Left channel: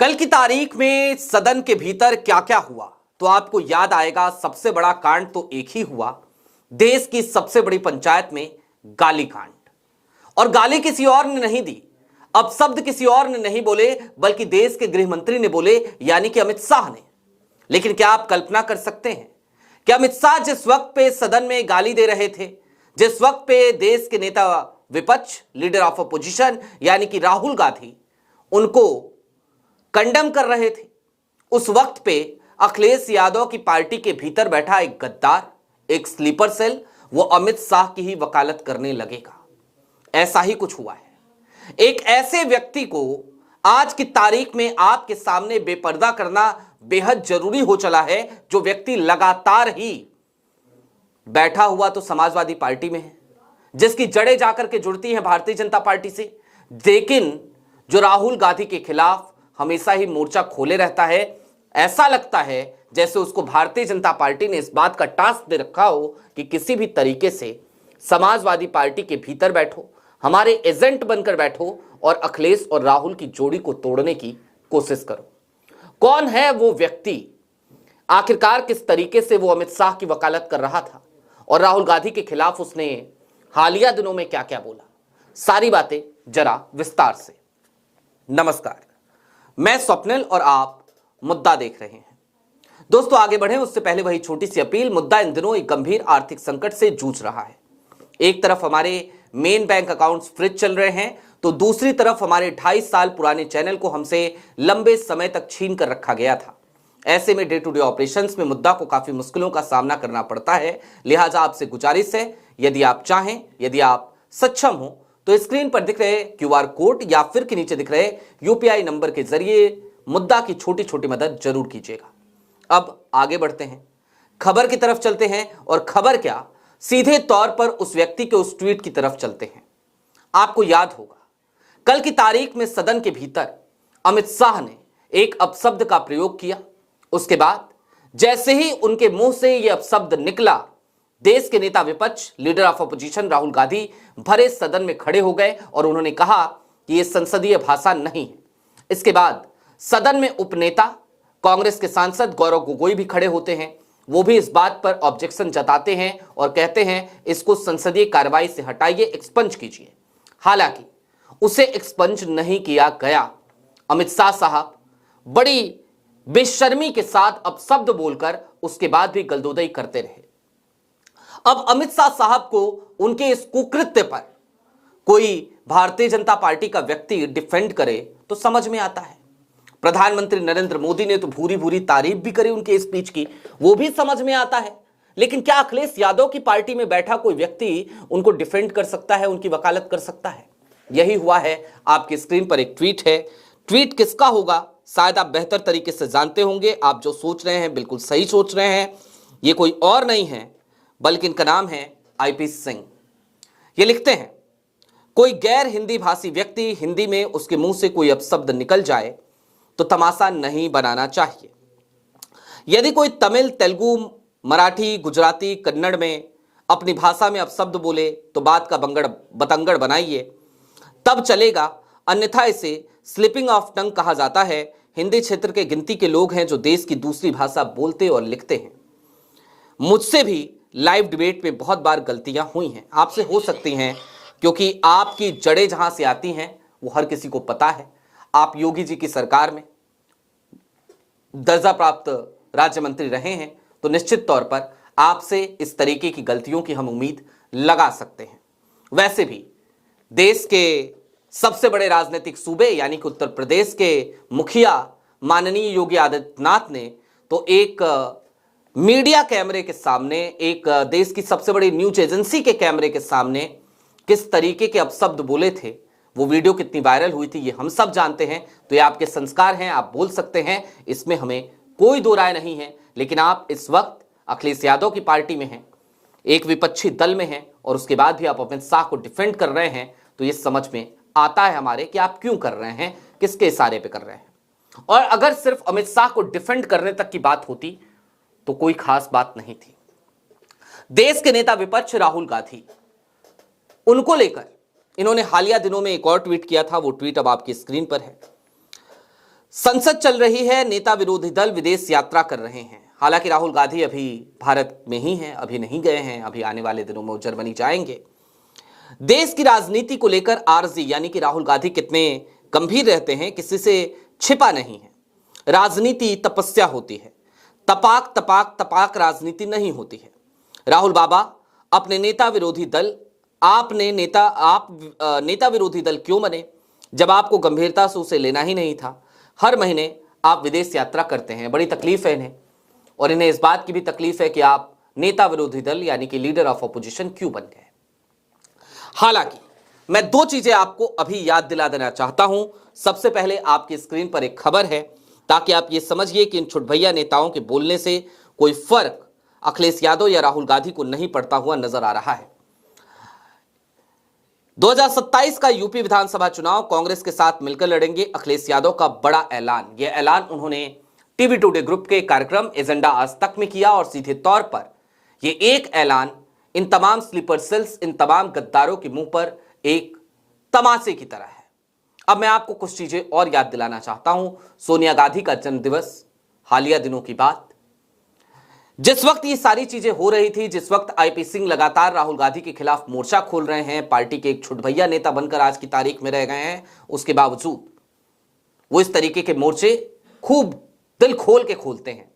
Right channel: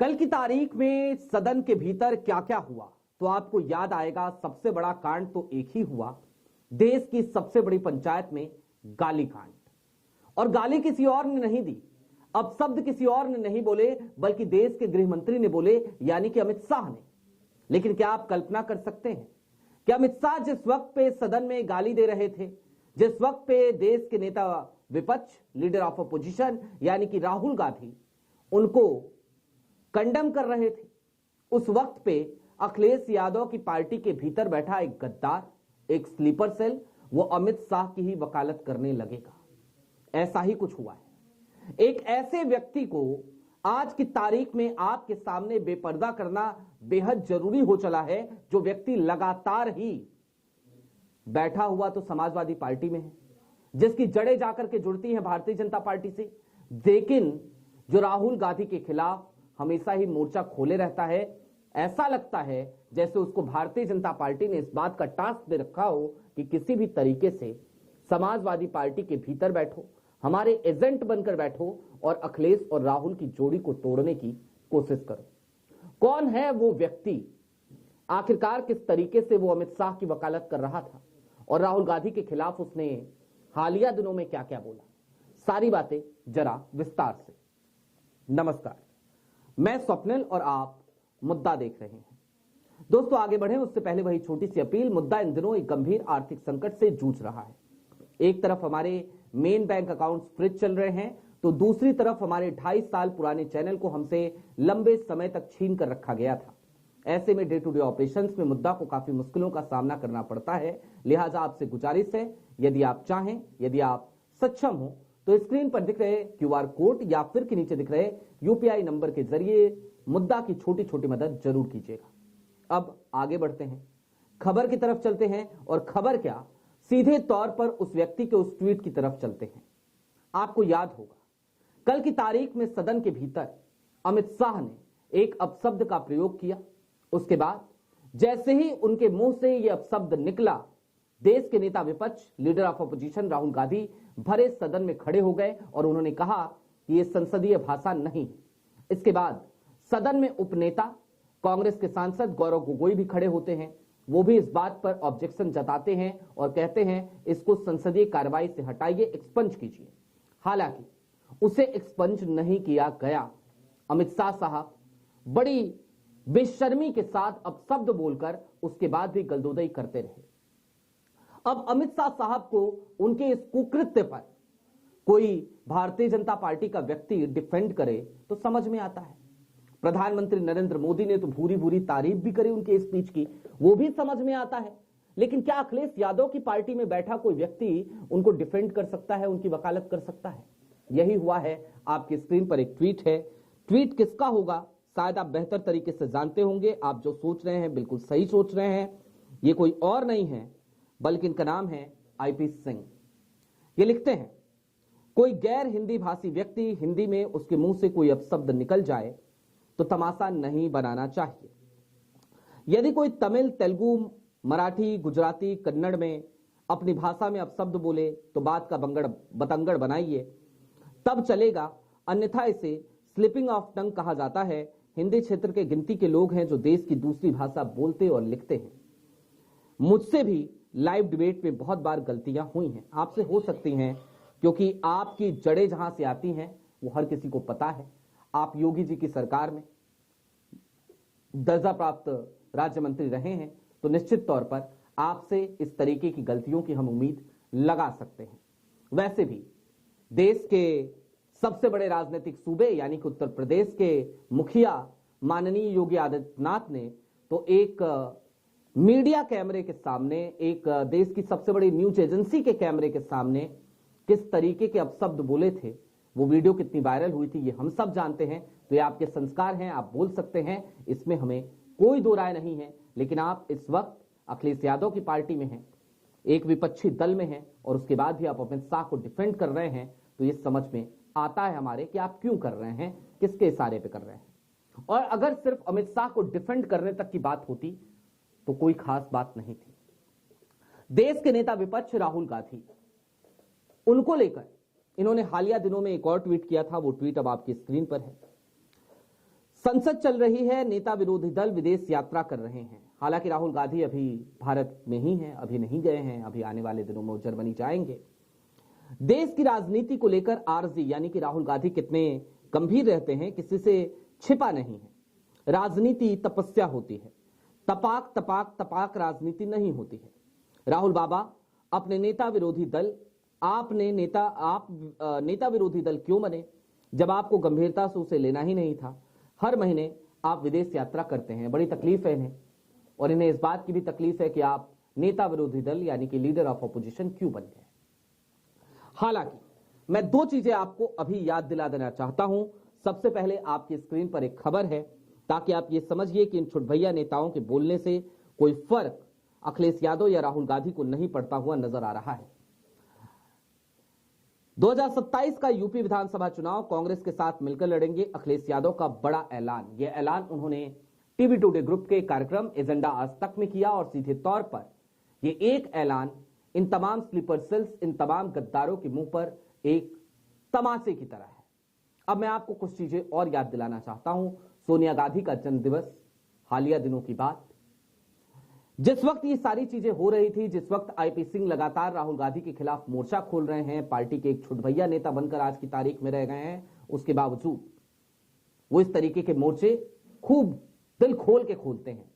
कल की तारीख में सदन के भीतर क्या क्या हुआ तो आपको याद आएगा। सबसे बड़ा कांड तो एक ही हुआ, देश की सबसे बड़ी पंचायत में गाली कांड। और गाली किसी और ने नहीं दी, अब शब्द किसी और ने नहीं बोले, बल्कि देश के गृह मंत्री ने बोले, यानी कि अमित शाह ने। लेकिन क्या आप कल्पना कर सकते हैं कि अमित शाह जिस वक्त पे सदन में गाली दे रहे थे, जिस वक्त पे देश के नेता विपक्ष, लीडर ऑफ अपोजिशन यानी कि राहुल गांधी उनको कंडम कर रहे थे, उस वक्त पे अखिलेश यादव की पार्टी के भीतर बैठा एक गद्दार, एक स्लीपर सेल, वो अमित शाह की ही वकालत करने लगेगा। ऐसा ही कुछ हुआ है। एक ऐसे व्यक्ति को आज की तारीख में आपके सामने बेपर्दा करना बेहद जरूरी हो चला है, जो व्यक्ति लगातार ही बैठा हुआ तो समाजवादी पार्टी में है, जिसकी जड़ें जाकर के जुड़ती हैं भारतीय जनता पार्टी से, लेकिन जो राहुल गांधी के खिलाफ हमेशा ही मोर्चा खोले रहता है। ऐसा लगता है जैसे उसको भारतीय जनता पार्टी ने इस बात का टास्क दे रखा हो कि किसी भी तरीके से समाजवादी पार्टी के भीतर बैठो, हमारे एजेंट बनकर बैठो और अखिलेश और राहुल की जोड़ी को तोड़ने की कोशिश करो। कौन है वो व्यक्ति? आखिरकार किस तरीके से वो अमित शाह की वकालत कर रहा था और राहुल गांधी के खिलाफ उसने हालिया दिनों में क्या क्या बोला? सारी बातें जरा विस्तार से। नमस्कार, मैं स्वप्निल और आप मुद्दा देख रहे हैं। दोस्तों, आगे बढ़े उससे पहले वही छोटी सी अपील। मुद्दा इन दिनों एक गंभीर आर्थिक संकट से जूझ रहा है। एक तरफ हमारे मेन बैंक अकाउंट्स फ्रीज चल रहे हैं, तो दूसरी तरफ हमारे 2.5 साल पुराने चैनल को हमसे लंबे समय तक छीन कर रखा गया था। ऐसे में डे टू डे ऑपरेशंस में मुद्दा को काफी मुश्किलों का सामना करना पड़ता है। लिहाजा आपसे गुजारिश है, यदि आप चाहें, यदि आप सक्षम हो, तो स्क्रीन पर दिख रहे क्यूआर कोड या फिर के नीचे दिख रहे यूपीआई नंबर के जरिए मुद्दा की छोटी छोटी मदद जरूर कीजिएगा। अब आगे बढ़ते हैं, खबर की तरफ चलते हैं। और खबर क्या, सीधे तौर पर उस व्यक्ति के उस ट्वीट की तरफ चलते हैं। आपको याद होगा, कल की तारीख में सदन के भीतर अमित शाह ने एक अपशब्द का प्रयोग किया। उसके बाद जैसे ही उनके मुंह से यह अपशब्द निकला, देश के नेता विपक्ष, leader of opposition Rahul Gandhi भरे सदन में खड़े हो गए और उन्होंने कहा कि यह संसदीय भाषा नहीं है। इसके बाद सदन में उपनेता कांग्रेस के सांसद गौरव गोगोई भी खड़े होते हैं। वो भी इस बात पर ऑब्जेक्शन जताते हैं और कहते हैं इसको संसदीय कार्रवाई से हटाइए, एक्सपंज कीजिए। हालांकि उसे एक्सपंज नहीं किया गया। अमित शाह साहब बड़ी बेशर्मी के साथ अपशब्द बोलकर उसके बाद भी गलदोदई करते रहे। अब अमित शाह साहब को उनके इस कुकृत्य पर कोई भारतीय जनता पार्टी का व्यक्ति डिफेंड करे तो समझ में आता है। प्रधानमंत्री नरेंद्र मोदी ने तो भूरी भूरी तारीफ भी करी उनके स्पीच की, वो भी समझ में आता है। लेकिन क्या अखिलेश यादव की पार्टी में बैठा कोई व्यक्ति उनको डिफेंड कर सकता है, उनकी वकालत कर सकता है? यही हुआ है। आपकी स्क्रीन पर एक ट्वीट है। ट्वीट किसका होगा शायद आप बेहतर तरीके से जानते होंगे। आप जो सोच रहे हैं बिल्कुल सही सोच रहे हैं। ये कोई और नहीं है बल्कि इनका नाम है आईपी सिंह। ये लिखते हैं, कोई गैर हिंदी भाषी व्यक्ति हिंदी में उसके मुंह से कोई अपशब्द निकल जाए तो तमाशा नहीं बनाना चाहिए। यदि कोई तमिल, तेलुगु, मराठी, गुजराती, कन्नड़ में अपनी भाषा में अपशब्द बोले तो बात का बतंगड़ बनाइए, तब चलेगा, अन्यथा इसे स्लिपिंग ऑफ टंग कहा जाता है। हिंदी क्षेत्र के गिनती के लोग हैं जो देश की दूसरी भाषा बोलते और लिखते हैं। मुझसे भी लाइव डिबेट में बहुत बार गलतियां हुई हैं, आपसे हो सकती हैं, क्योंकि आपकी जड़ें जहां से आती हैं वो हर किसी को पता है। आप योगी जी की सरकार में दर्जा प्राप्त राज्य मंत्री रहे हैं, तो निश्चित तौर पर आपसे इस तरीके की गलतियों की हम उम्मीद लगा सकते हैं। वैसे भी देश के सबसे बड़े राजनीतिक सूबे यानी कि उत्तर प्रदेश के मुखिया माननीय योगी आदित्यनाथ ने तो एक मीडिया कैमरे के सामने, एक देश की सबसे बड़ी न्यूज एजेंसी के कैमरे के सामने किस तरीके के अपशब्द बोले थे, वो वीडियो कितनी वायरल हुई थी, ये हम सब जानते हैं। तो ये आपके संस्कार हैं, आप बोल सकते हैं, इसमें हमें कोई दो राय नहीं है। लेकिन आप इस वक्त अखिलेश यादव की पार्टी में हैं, एक विपक्षी दल में हैं, और उसके बाद भी आप अमित शाह को डिफेंड कर रहे हैं, तो ये समझ में आता है हमारे कि आप क्यों कर रहे हैं, किसके इशारे पे कर रहे हैं। और अगर सिर्फ अमित शाह को डिफेंड करने तक की बात होती तो कोई खास बात नहीं थी। देश के नेता विपक्ष राहुल गांधी, उनको लेकर इन्होंने हालिया दिनों में एक और ट्वीट किया था। वो ट्वीट अब आपकी स्क्रीन पर है। संसद चल रही है, नेता विरोधी दल विदेश यात्रा कर रहे हैं। हालांकि राहुल गांधी अभी भारत में ही हैं, अभी नहीं गए हैं, अभी आने वाले दिनों में वो जर्मनी जाएंगे। देश की राजनीति को लेकर आरजी यानी कि राहुल गांधी कितने गंभीर रहते हैं, किसी से छिपा नहीं है। राजनीति तपस्या होती है, तपाक तपाक तपाक राजनीति नहीं होती है। राहुल बाबा अपने नेता विरोधी दल नेता विरोधी दल क्यों बने, जब आपको गंभीरता से उसे लेना ही नहीं था। हर महीने आप विदेश यात्रा करते हैं, बड़ी तकलीफ है इन्हें, और इन्हें इस बात की भी तकलीफ है कि आप नेता विरोधी दल यानी कि लीडर ऑफ ऑपोजिशन क्यों बन गए। हालांकि मैं दो चीजें आपको अभी याद दिला देना चाहता हूं। सबसे पहले आपकी स्क्रीन पर एक खबर है, ताकि आप ये समझिए कि इन छुटभैया नेताओं के बोलने से कोई फर्क अखिलेश यादव या राहुल गांधी को नहीं पड़ता हुआ नजर आ रहा है। 2027 का यूपी विधानसभा चुनाव कांग्रेस के साथ मिलकर लड़ेंगे, अखिलेश यादव का बड़ा ऐलान। यह ऐलान उन्होंने टीवी टुडे ग्रुप के कार्यक्रम एजेंडा आज तक में किया, और सीधे तौर पर यह एक ऐलान इन तमाम स्लीपर सेल्स, इन तमाम गद्दारों के मुंह पर एक तमाचे की तरह है। अब मैं आपको कुछ चीजें और याद दिलाना चाहता हूं। सोनिया गांधी का जन्मदिवस, हालिया दिनों की बात, जिस वक्त ये सारी चीजें हो रही थी, जिस वक्त आईपी सिंह लगातार राहुल गांधी के खिलाफ मोर्चा खोल रहे हैं, पार्टी के एक छुटभैया नेता बनकर आज की तारीख में रह गए हैं, उसके बावजूद वो इस तरीके के मोर्चे खूब दिल खोल के खोलते हैं।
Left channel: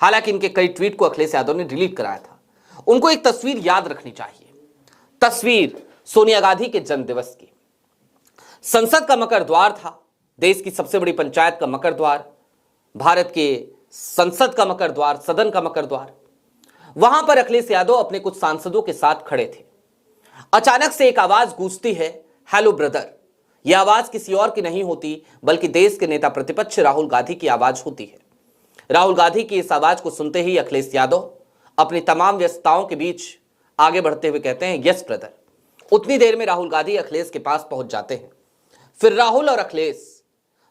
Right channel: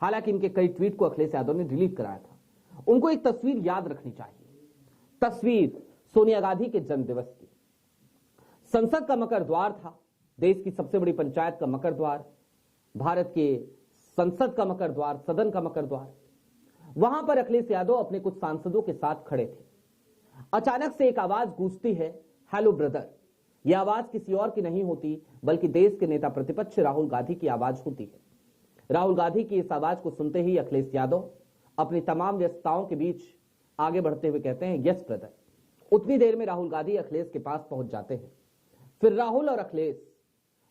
हालांकि इनके कई ट्वीट को अखिलेश यादव ने डिलीट कराया था। उनको एक तस्वीर याद रखनी चाहिए, तस्वीर सोनिया गांधी के जन्मदिवस की। संसद का मकर द्वार था, देश की सबसे बड़ी पंचायत का मकर द्वार, भारत के संसद का मकर द्वार, सदन का मकर द्वार। वहां पर अखिलेश यादव अपने कुछ सांसदों के साथ खड़े थे। अचानक से एक आवाज गूंजती है, हेलो ब्रदर। यह आवाज किसी और की नहीं होती, बल्कि देश के नेता प्रतिपक्ष राहुल गांधी की आवाज होती है। राहुल गांधी की इस आवाज को सुनते ही अखिलेश यादव अपनी तमाम व्यस्तताओं के बीच आगे बढ़ते हुए कहते हैं, यस ब्रदर। उतनी देर में राहुल गांधी अखिलेश के पास पहुंच जाते हैं। फिर राहुल और अखिलेश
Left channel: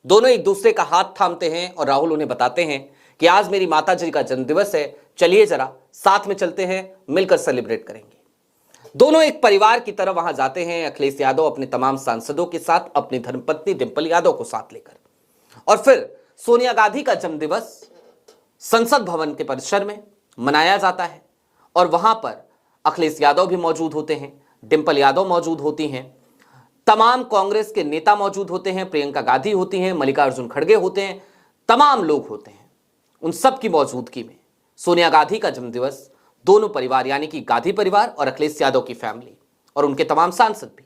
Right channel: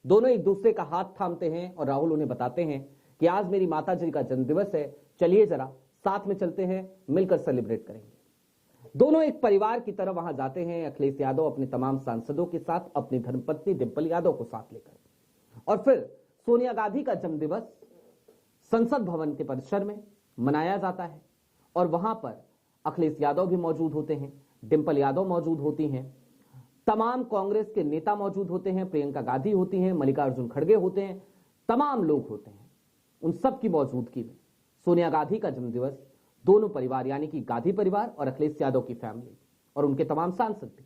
दोनों एक दूसरे का हाथ थामते हैं, और राहुल उन्हें बताते हैं कि आज मेरी माता जी का जन्मदिवस है, चलिए जरा साथ में चलते हैं, मिलकर सेलिब्रेट करेंगे। दोनों एक परिवार की तरह वहां जाते हैं, अखिलेश यादव अपने तमाम सांसदों के साथ, अपनी धर्मपत्नी डिंपल यादव को साथ लेकर। और फिर सोनिया गांधी का जन्मदिवस संसद भवन के परिसर में मनाया जाता है, और वहां पर अखिलेश यादव भी मौजूद होते हैं, डिंपल यादव मौजूद होती हैं, तमाम कांग्रेस के नेता मौजूद होते हैं, प्रियंका गांधी होती हैं, मल्लिकार्जुन खड़गे होते हैं, तमाम लोग होते हैं। उन सब की मौजूदगी में सोनिया गांधी का जन्मदिवस दोनों परिवार यानी कि गांधी परिवार और अखिलेश यादव की फैमिली और उनके तमाम सांसद भी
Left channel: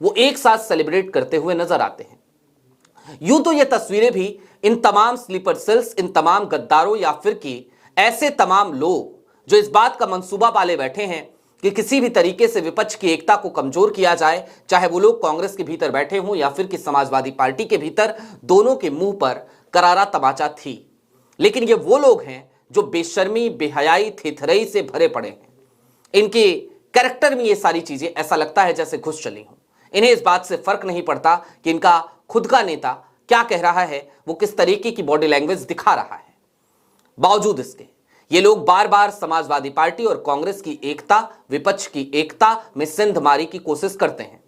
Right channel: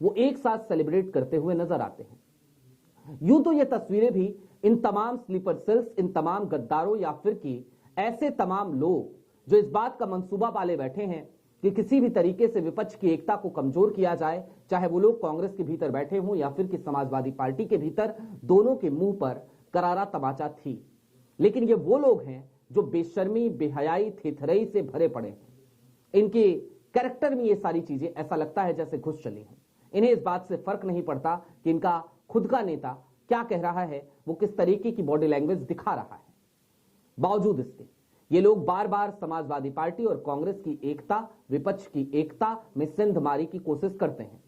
वो एक साथ सेलिब्रेट करते हुए नजर आते हैं। यूं तो ये तस्वीरें भी इन तमाम स्लीपर सेल्स, इन तमाम गद्दारों या फिर की ऐसे तमाम लोग जो इस बात का मंसूबा पाले बैठे हैं कि किसी भी तरीके से विपक्ष की एकता को कमजोर किया जाए, चाहे वो लोग कांग्रेस के भीतर बैठे हों या फिर कि समाजवादी पार्टी के भीतर, दोनों के मुंह पर करारा तमाचा थी। लेकिन ये वो लोग हैं जो बेशर्मी, बेहयाई, थेथरई से भरे पड़े हैं। इनके कैरेक्टर में ये सारी चीजें ऐसा लगता है जैसे घुस चली हों। इन्हें इस बात से फर्क नहीं पड़ता कि इनका खुद का नेता क्या कह रहा है, वो किस तरीके की बॉडी लैंग्वेज दिखा रहा है। बावजूद इसके ये लोग बार बार समाजवादी पार्टी और कांग्रेस की एकता, विपक्ष की एकता में सिंध मारी की कोशिश करते हैं।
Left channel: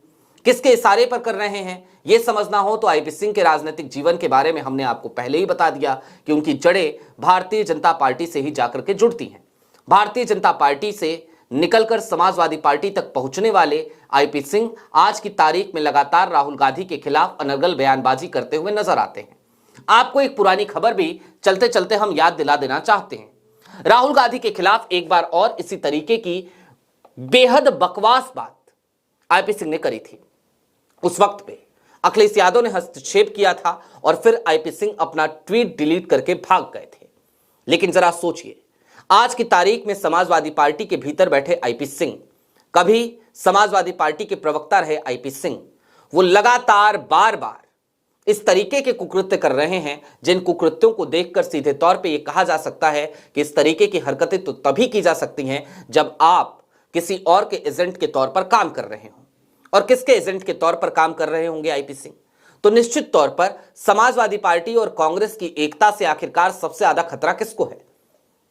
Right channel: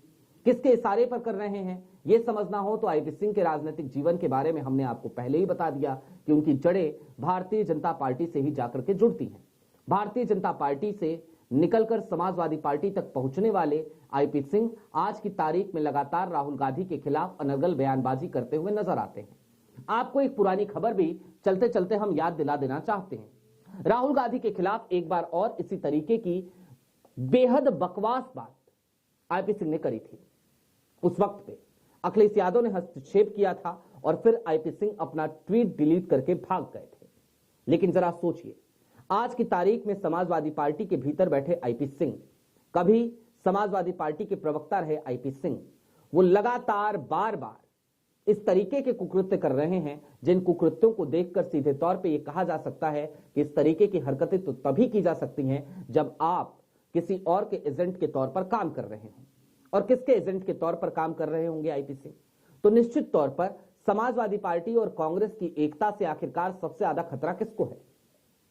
किसके इशारे पर कर रहे हैं यह समझना हो तो आईपी सिंह के राजनीतिक जीवन के बारे में हमने आपको पहले ही बता दिया कि उनकी जड़ें भारतीय जनता पार्टी से ही जाकर के जुड़ती हैं। भारतीय जनता पार्टी से निकलकर समाजवादी पार्टी तक पहुंचने वाले आईपी सिंह आज की तारीख में लगातार राहुल गांधी के खिलाफ अनर्गल बयानबाजी करते हुए नजर आते हैं। आपको एक पुरानी खबर भी चलते चलते हम याद दिला देना चाहते हैं। राहुल गांधी के खिलाफ एक बार और इसी तरीके की बेहद बकवास बात आईपी सिंह ने करी थी। उस वक्त पे अखिलेश यादव ने हस्तक्षेप किया था और फिर आईपी सिंह अपना ट्वीट डिलीट करके भाग गए थे। लेकिन जरा सोचिए, आज की तारीख में समाजवादी पार्टी के भीतर बैठे आईपी सिंह, कभी समाजवादी पार्टी के प्रवक्ता रहे आईपी सिंह, वो लगातार बार बार इस तरीके के कुकृत्य कर रहे हैं जिन कुकृत्यों को देखकर सीधे तौर पे ये कहा जा सकता है कि इस तरीके की हरकतें तो तभी की जा सकती हैं जब आप किसी और के एजेंट के तौर पर काम कर रहे हों। और किसके एजेंट के तौर पर काम कर रहे होंगे आईपी सिंह? तो निश्चित तौर पर समाजवादी पार्टी और कांग्रेस की एकता से आखिरकार सबसे ज्यादा खतरा किसको है?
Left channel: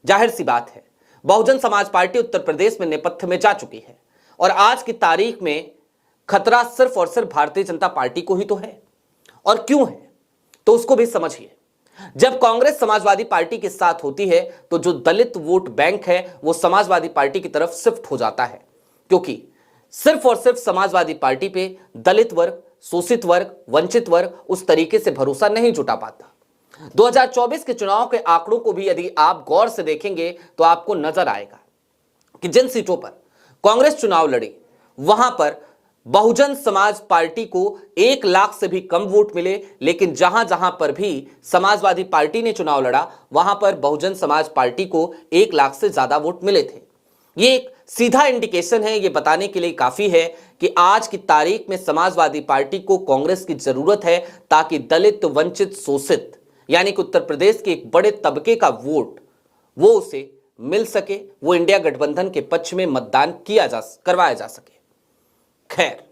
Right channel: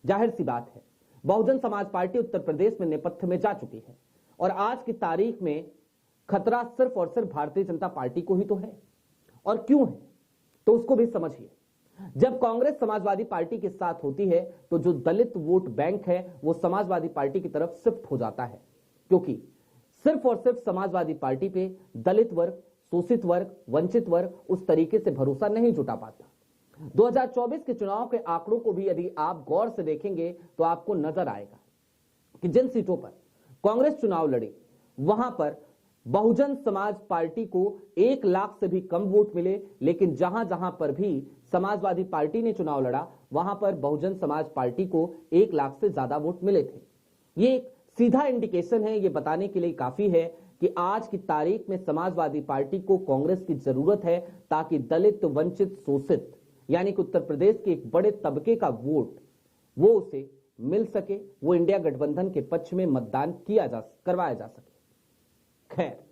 जाहिर सी बात है, बहुजन समाज पार्टी उत्तर प्रदेश में नेपथ्य में जा चुकी है और आज की तारीख में खतरा सिर्फ और सिर्फ भारतीय जनता पार्टी को ही तो है। और क्यों है तो उसको भी समझिए। जब कांग्रेस समाजवादी पार्टी के साथ होती है तो जो दलित वोट बैंक है वो समाजवादी पार्टी की तरफ शिफ्ट हो जाता है, क्योंकि सिर्फ और सिर्फ समाजवादी पार्टी पे दलित वर्ग, शोषित वर्ग, वंचित वर्ग उस तरीके से भरोसा नहीं जुटा पाता। 2024 के चुनाव के आंकड़ों को भी यदि आप गौर से देखेंगे तो आपको नजर आएगा कि जिन सीटों पर कांग्रेस चुनाव लड़ी वहां पर बहुजन समाज पार्टी को 1 लाख से भी कम वोट मिले, लेकिन जहां जहां पर भी समाजवादी पार्टी ने चुनाव लड़ा वहां पर बहुजन समाज पार्टी को 1 लाख से ज्यादा वोट मिले थे। ये एक सीधा इंडिकेशन है, ये बताने के लिए काफी है कि आज की तारीख में समाजवादी पार्टी को कांग्रेस की जरूरत है ताकि दलित, वंचित, शोषित यानी कि उत्तर प्रदेश के एक बड़े तबके का वोट वो उसे मिल सके, वो इंडिया गठबंधन के पक्ष में मतदान करवाया जा सके। खैर,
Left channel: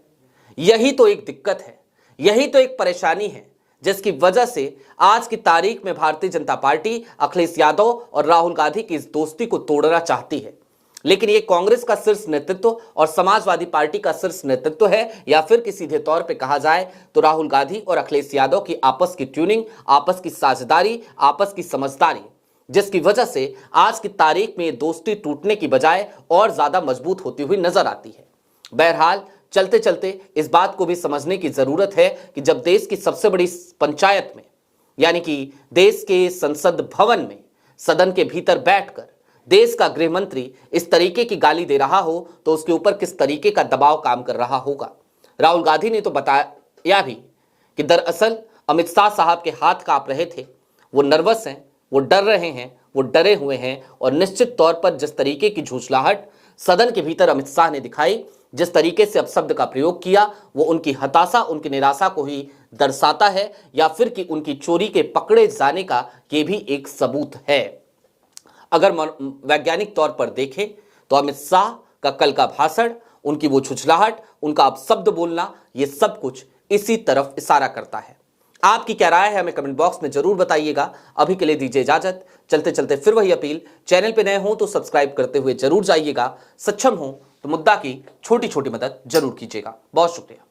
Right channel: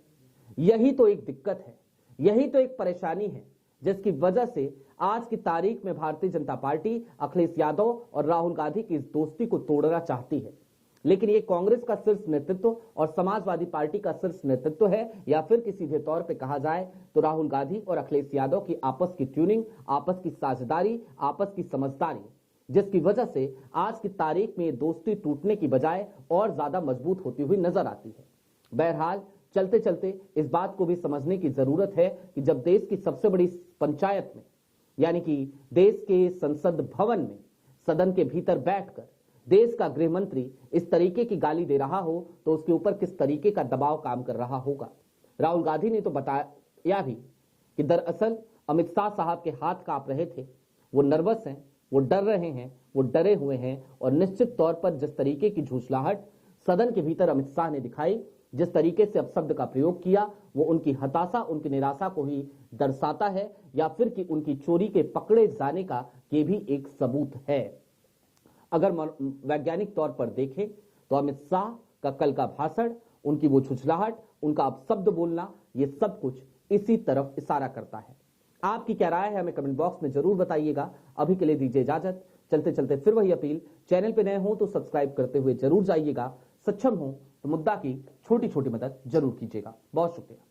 यही तो एक दिक्कत है, यही तो एक परेशानी है जिसकी वजह से आज की तारीख में भारतीय जनता पार्टी अखिलेश यादव और राहुल गांधी की इस दोस्ती को तोड़ना चाहती है। लेकिन यह कांग्रेस का शीर्ष नेतृत्व और समाजवादी पार्टी का शीर्ष नेतृत्व है, या फिर कि सीधे तौर पे कहा जाए तो राहुल गांधी और अखिलेश यादव की आपस की ट्यूनिंग, आपस की साझेदारी, आपस की समझदारी, जिसकी वजह से आज की तारीख में दोस्ती टूटने की बजाय और ज्यादा मजबूत होती हुई नजर आती है। बहरहाल, चलते चलते इस बात को भी समझने की जरूरत है कि जब देश की सबसे बड़ी पंचायत में यानी कि देश के संसद भवन में सदन के भीतर बैठकर देश का गृह मंत्री इस तरीके की गाली दे रहा हो तो उसके ऊपर किस तरीके का दबाव काम कर रहा होगा। राहुल गांधी ने तो बताया भी कि दरअसल अमित शाह साहब के हाथ कांप रहे थे, वो नर्वस हैं, वो डर रहे हैं, वो डरे हुए हैं, और निश्चित तौर पर जिस तरीके की झूठलाहट सदन के भीतर अमित शाह ने दिखाई, जिस तरीके से अपशब्द का प्रयोग किया, वो उनकी हताशा, उनकी निराशा को ही दर्शाता है, या फिर कि उनकी चोरी के पकड़े जाने का ये भी एक सबूत है। अगर वैज्ञानिक तौर पर देखें तो अमित शाह का कल का भाषण, उनकी वो झुझलाहट, उनका अपशब्द बोलना, ये सब कुछ इसी तरफ इशारा करता है। आपकी क्या राय है हमें कमेंट बॉक्स में जरूर बताइएगा। अभी के लिए दीजिए इजाजत। चलते चलते फिर वही अपील, चैनल पे नए हो तो सब्सक्राइब करते हुए जरूर जाइएगा, सक्षम हो तो मुद्दा की छोटी छोटी मदद जरूर कीजिएगा। बहुत शुक्रिया।